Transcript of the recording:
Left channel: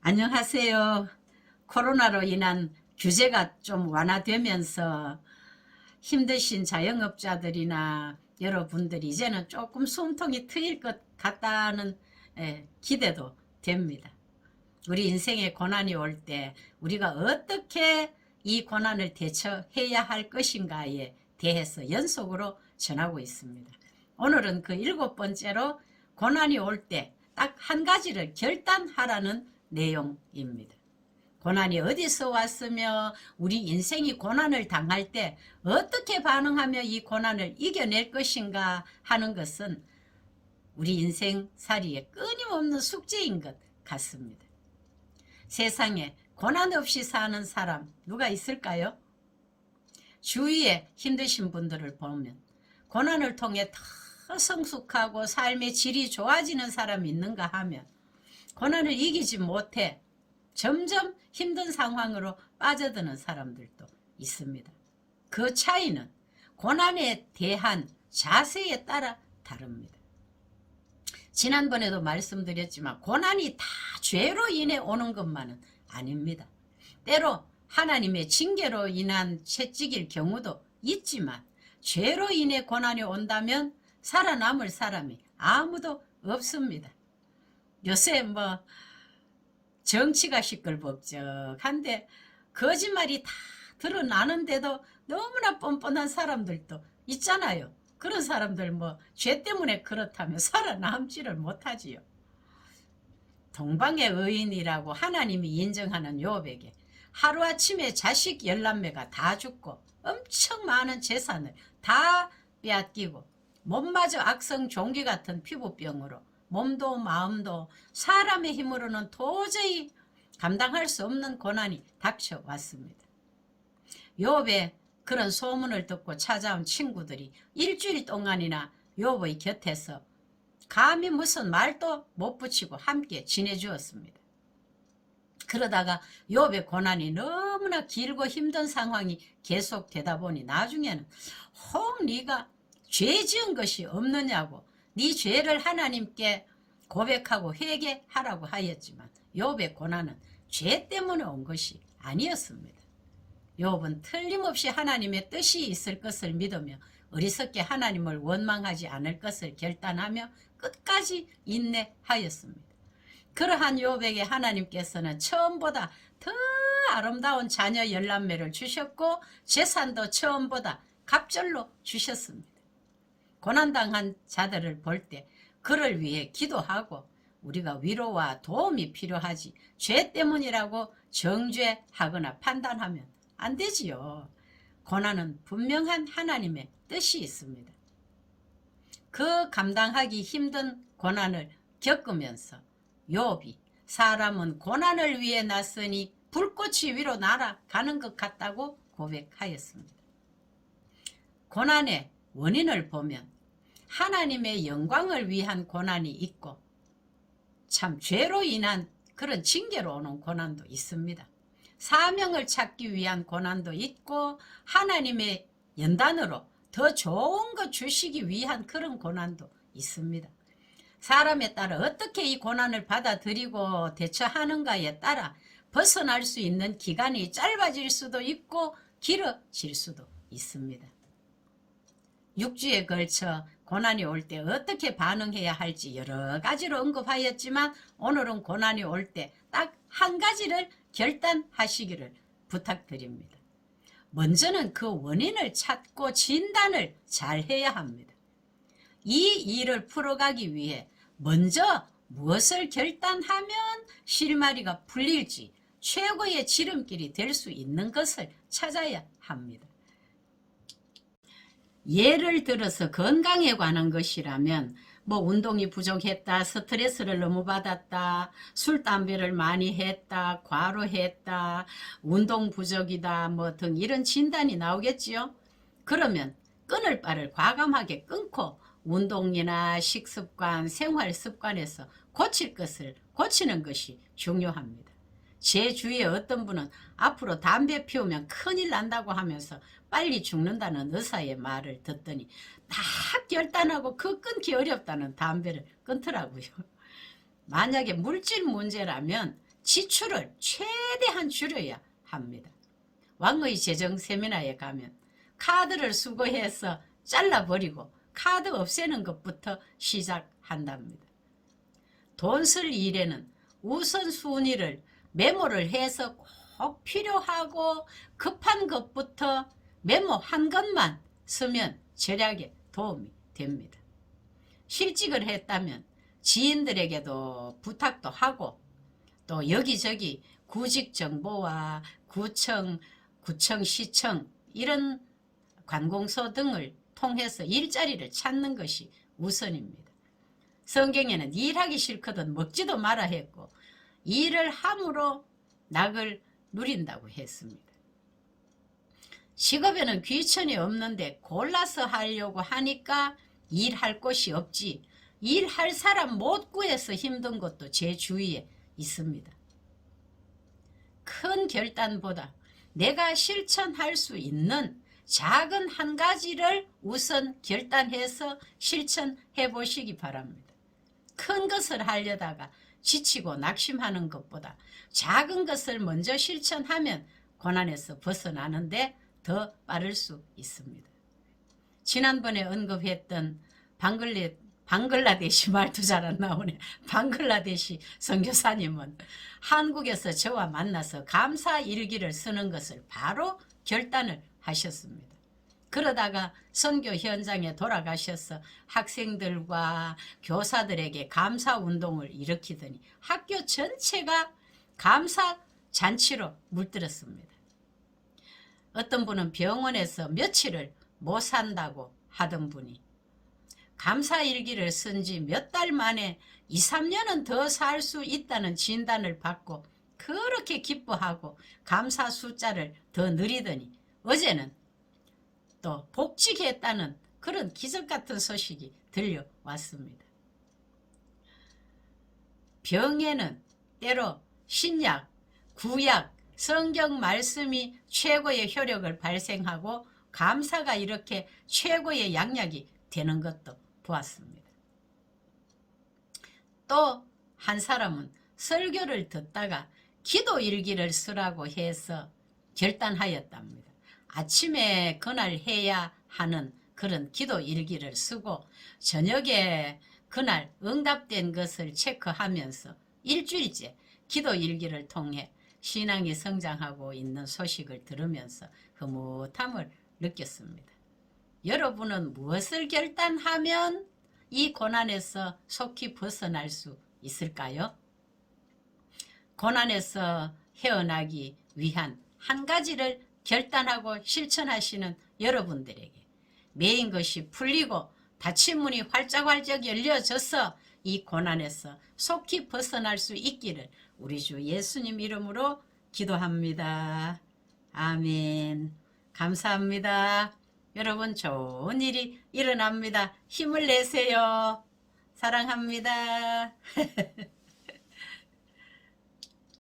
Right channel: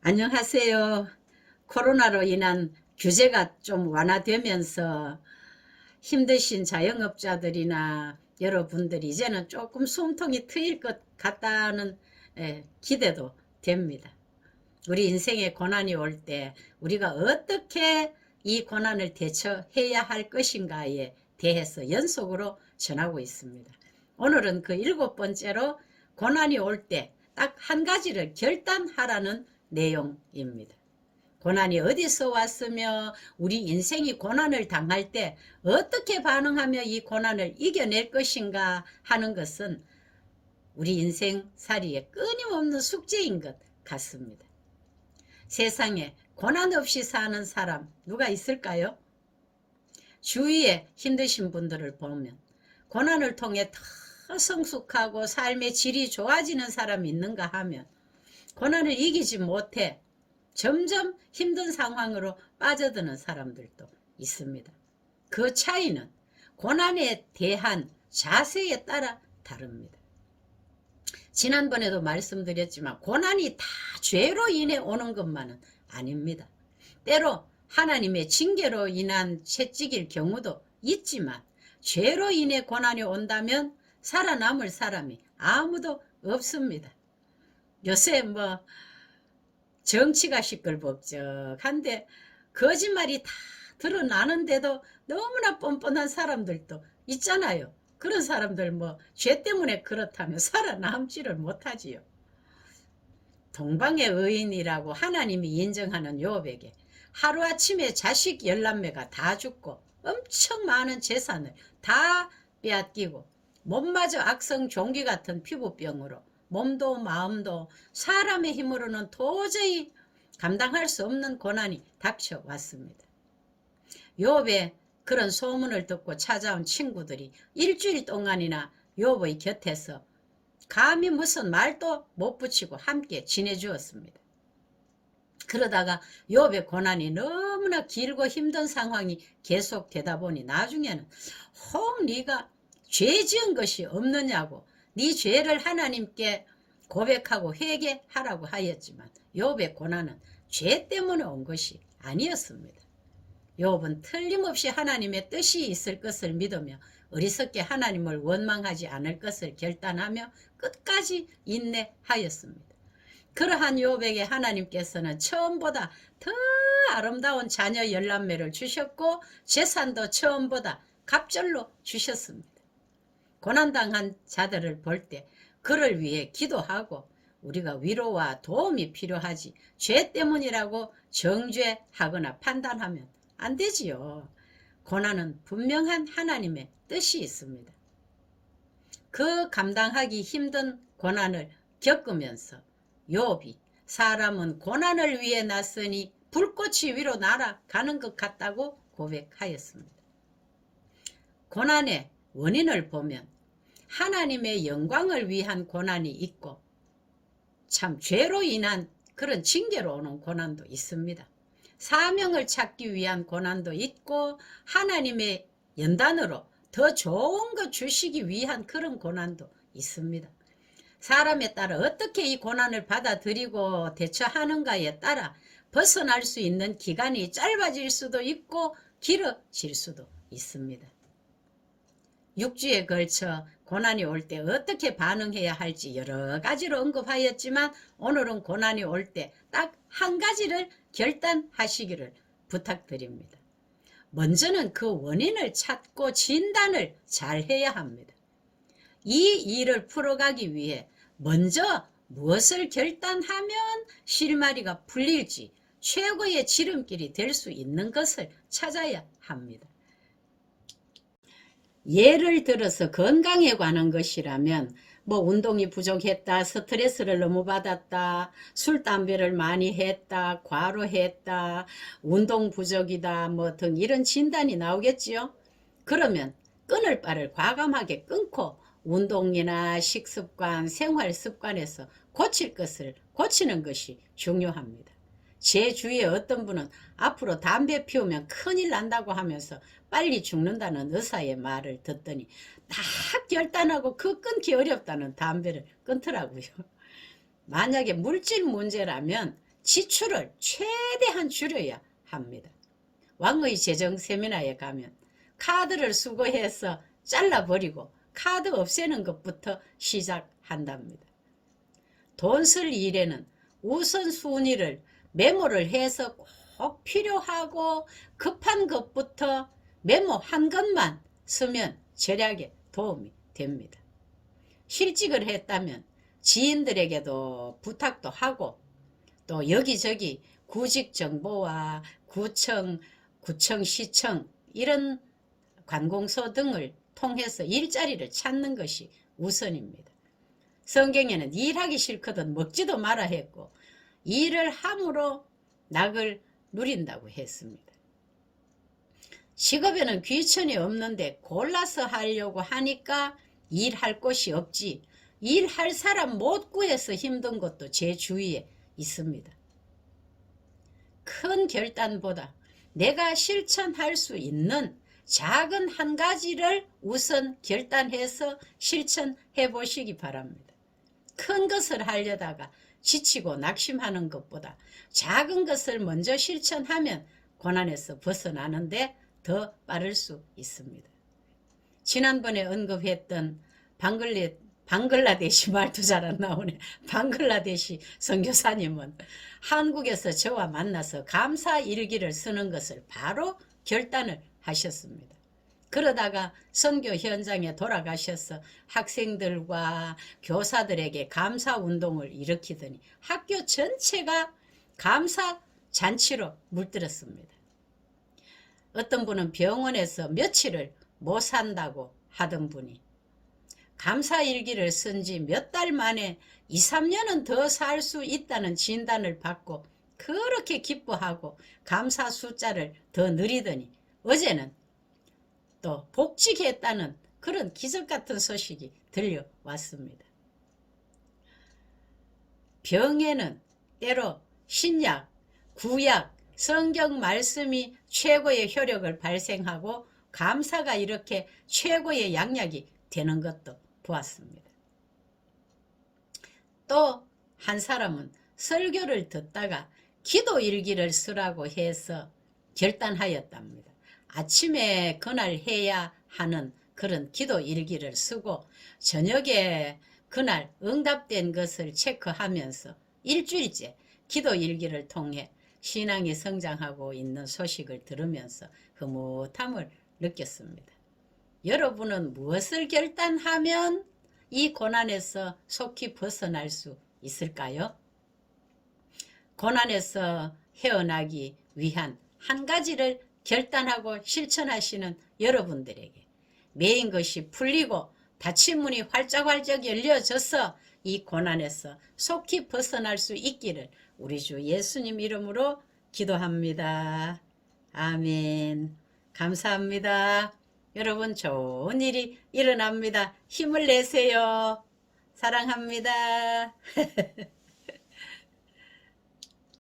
안녕하세요. 코로나로 인한 규제가 좀 완화되면서 힘드신 자영업자들이나 여러분들이 이제는 조금 숨통이 트일 것 같다는 기대도 됩니다. 우리 인생에 고난이 올 때 우리가 어떻게 이 고난을 대처해야 할 것인가에 대해서 연속으로 전하고 있습니다. 오늘은 그 7번째로 고난이 올 때 딱 한 가지를 결단하라는 내용입니다. 고난이 어디서 왔으며 우리 인생이 고난을 당할 때 어떻게 반응하며 이 고난을 이겨낼 것인가 하는 것은 우리 인생살이의 끊임없는 숙제인 것 같습니다. 세상에 고난 없이 사는 사람 누가 있을까요? 주위에 힘드신 분들을 보면 고난을 통해 더 성숙하고 삶의 질이 좋아지는 사람이 있는가 하면 고난을 이기지 못해 점점 힘든 상황으로 빠져드는 사람들도 있습니다. 그 차이는 고난에 대한 자세에 따라 다릅니다. 지난번에도 말씀드렸지만 고난이 다 죄로 인해 오는 것만은 아닙니다. 때로 하나님의 징계로 인한 채찍일 경우도 있지만 죄로 인해 고난이 온다면 살아남을 사람이 아무도 없습니다. 요새 정치가 시끌벅적한데 거짓말이 다 드러나는데도 너무나 뻔뻔한 사람들도 있잖아요. 그런 사람들 죄 때문에 그렇다면 살아남지를 못하지요. 동방의 의인이라고 하나님이 인정하는 욥에게 하루아침에 자식 11매가 다 죽고 엄청 많은 재산을 다 빼앗기고 몸마저 악성 종기 같은 피부병으로 몸도 마음도 사람의 힘으로는 도저히 감당할 수 없는 고난이 닥쳐왔습니다. 욥의 그런 소문을 듣고 찾아온 친구들이 일주일 동안이나 욥의 곁에서 감히 무슨 말도 못 붙이고 함께 지내주었습니다. 그러다가 욥의 고난이 너무나 길고 힘든 상황이 계속되다 보니 나중에는 혹 네가 죄 지은 것이 없느냐고 네 죄를 하나님께 고백하고 회개하라고 하였지만 욥의 고난은 죄 때문에 온 것이 아니었습니다. 욥은 틀림없이 하나님의 뜻이 있을 것을 믿으며 어리석게 하나님을 원망하지 않을 것을 결단하며 끝까지 인내하였습니다. 그러한 욥에게 하나님께서는 처음보다 더 아름다운 자녀 11매를 주셨고 재산도 처음보다 갑절로 주셨습니다. 고난당한 자들을 볼 때 그를 위해 기도하고 우리가 위로와 도움이 필요하지 죄 때문이라고 정죄하거나 판단하면 안 되지요. 고난은 분명한 하나님의 뜻이 있습니다. 그 감당하기 힘든 고난을 겪으면서 욥이 사람은 고난을 위해 났으니 불꽃이 위로 날아가는 것 같다고 고백하였습니다. 고난의 원인을 보면 하나님의 영광을 위한 고난이 있고 참 죄로 인한 그런 징계로 오는 고난도 있습니다. 사명을 찾기 위한 고난도 있고 하나님의 연단으로 더 좋은 것 주시기 위한 그런 고난도 있습니다. 사람에 따라 어떻게 이 고난을 받아들이고 대처하는가에 따라 벗어날 수 있는 기간이 짧아질 수도 있고 길어질 수도 있습니다. 6주에 걸쳐 고난이 올 때 어떻게 반응해야 할지 여러 가지로 언급하였지만 오늘은 고난이 올 때 딱 한 가지를 결단하시기를 부탁드립니다. 먼저는 그 원인을 찾고 진단을 잘 해야 합니다. 이 일을 풀어가기 위해 먼저 무엇을 결단하면 실마리가 풀릴지 최고의 지름길이 될 수 있는 것을 찾아야 합니다. 예를 들어서 건강에 관한 것이라면 운동이 부족했다, 스트레스를 너무 받았다, 술, 담배를 많이 했다, 과로했다, 운동 부족이다 등 이런 진단이 나오겠지요. 그러면 끊을 바를 과감하게 끊고 운동이나 식습관, 생활습관에서 고칠 것을 고치는 것이 중요합니다. 제 주위에 어떤 분은 앞으로 담배 피우면 큰일 난다고 하면서 빨리 죽는다는 의사의 말을 듣더니 딱 결단하고 그 끊기 어렵다는 담배를 끊더라고요. 만약에 물질 문제라면 지출을 최대한 줄여야 합니다. 왕의 재정 세미나에 가면 카드를 수거해서 잘라버리고 카드 없애는 것부터 시작한답니다. 돈 쓸 일에는 우선순위를 메모를 해서 꼭 필요하고 급한 것부터 메모 한 것만 쓰면 절약에 도움이 됩니다. 실직을 했다면 지인들에게도 부탁도 하고 또 여기저기 구직 정보와 구청, 시청 이런 관공서 등을 통해서 일자리를 찾는 것이 우선입니다. 성경에는 일하기 싫거든 먹지도 마라 했고 일을 함으로 낙을 누린다고 했습니다. 직업에는 귀천이 없는데 골라서 하려고 하니까 일할 곳이 없지 일할 사람 못 구해서 힘든 것도 제 주위에 있습니다. 큰 결단보다 내가 실천할 수 있는 작은 한 가지를 우선 결단해서 실천해 보시기 바랍니다. 큰 것을 하려다가 지치고 낙심하는 것보다 작은 것을 먼저 실천하면 고난에서 벗어나는데 더 빠를 수 있습니다. 지난번에 언급했던 방글라데시 말도 잘 안 나오네. 방글라데시 선교사님은 한국에서 저와 만나서 감사 일기를 쓰는 것을 바로 결단을 하셨습니다. 그러다가 선교 현장에 돌아가셔서 학생들과 교사들에게 감사 운동을 일으키더니 학교 전체가 감사 잔치로 물들었습니다. 어떤 분은 병원에서 며칠을 못 산다고 하던 분이 감사일기를 쓴 지 몇 달 만에 2, 3년은 더 살 수 있다는 진단을 받고 그렇게 기뻐하고 감사 숫자를 더 늘리더니 어제는 또 복직했다는 그런 기적 같은 소식이 들려왔습니다. 병에는 때로 신약, 구약, 성경 말씀이 최고의 효력을 발생하고 감사가 이렇게 최고의 양약이 되는 것도 보았습니다. 또 한 사람은 설교를 듣다가 기도일기를 쓰라고 해서 결단하였답니다. 아침에 그날 해야 하는 그런 기도일기를 쓰고 저녁에 그날 응답된 것을 체크하면서 일주일째 기도일기를 통해 신앙이 성장하고 있는 소식을 들으면서 흐뭇함을 느꼈습니다. 여러분은 무엇을 결단하면 이 고난에서 속히 벗어날 수 있을까요? 고난에서 헤어나기 위한 한 가지를 결단하고 실천하시는 여러분들에게 매인 것이 풀리고 닫힌 문이 활짝활짝 열려져서 이 고난에서 속히 벗어날 수 있기를 우리 주 예수님 이름으로 기도합니다. 아멘. 감사합니다. 여러분 좋은 일이 일어납니다. 힘을 내세요. 사랑합니다.